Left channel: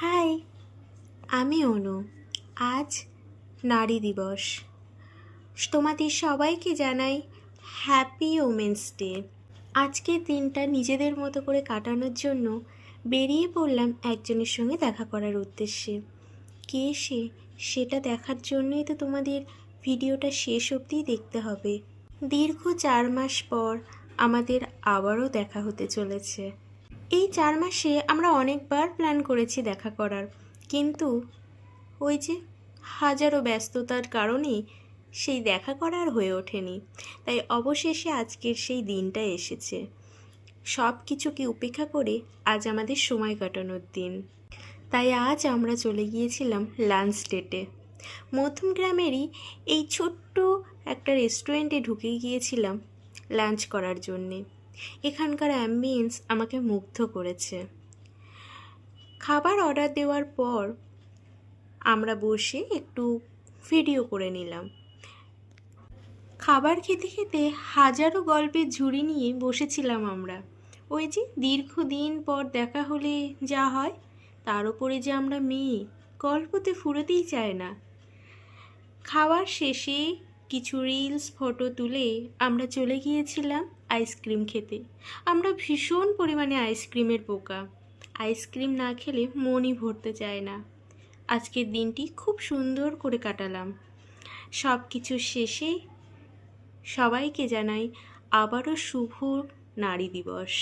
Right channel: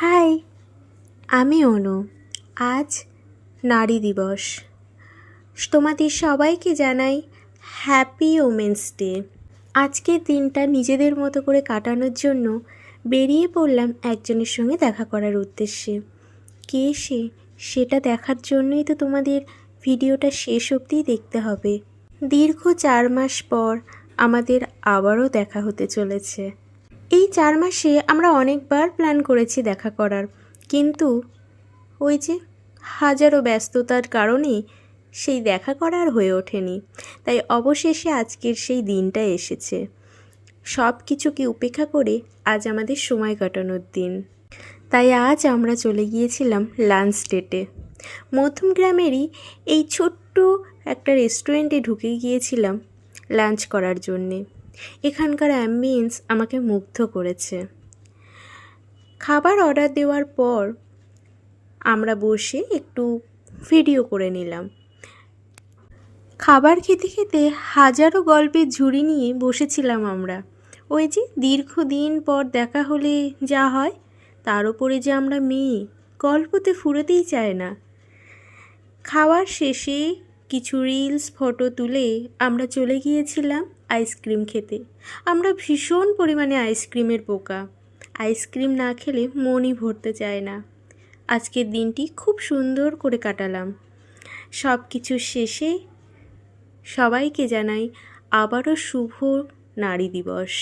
High, আমি অনু। আজ নারী দিবস। তোমাদের সবাইকে জানাই হ্যাপি ওমেন্স ডে। আজকের দিনটা নিজেদের মতো করে কাটানোর জন্য বেরিয়ে পড়লাম একজনের সঙ্গে দেখা করার উদ্দেশ্যে। কে সে, সেটা দেখার জন্যই তো তোমাদের ভিডিওটা শেষ অবধিই দেখতে হবে। দীর্ঘ 4 মাস পর আমাদের আবারও দেখা হতে চলেছে। এই 4 মাসে আমরা অনেকবার প্ল্যান করেছি দেখা করার, কিন্তু ওই যে হাজারো ব্যস্ততার কারণে সেই দেখা করা আর হয়ে ওঠেনি। তাই অবশেষে আজকের সেই দিনটা এসেছে। সব কিছুকে উপেক্ষা করে আজ আমাদের সময় কাটানোর দিন। তাই আজ আমরা চলে গিয়েছিলাম লাঞ্চ ডেটে। মধ্যমগ্রামেরই এই ছোট্ট একটা রেস্টুরেন্টে ঢুকে গিয়েছিলাম লাঞ্চ করার জন্যে। এখানকার অ্যাম্বিয়েন্স আমাকে মুগ্ধ করেছে। খাবার অর্ডার দেওয়ার পর আমরা বসে একটু ভিডিও করে নিলাম। খাবার খেতে খেতে হাজারো গল্পের ঝুড়ি নিয়ে বসেছিলাম আমরা। ওই যে দীর্ঘদিন পর দেখা হলে যা হয়, তার উপরে যে আমরা মেয়ে, গল্পতে ফুরোতেই চায় না। খাওয়ার শেষে কিছু রিলস ফটো তুলে আমরা চলে গিয়েছিলাম আইসক্রিম খেতে। আমরা ভীষণ পরিমাণে আইসক্রিমের পোকা। আইসক্রিম না খেলে মনই ভরতে চায় না। আজকের দিনটি খুব সুন্দর করে কাটালাম। সব কিছু শেষে সবাইকে জানাই আবারও শুভ নারী দিবস।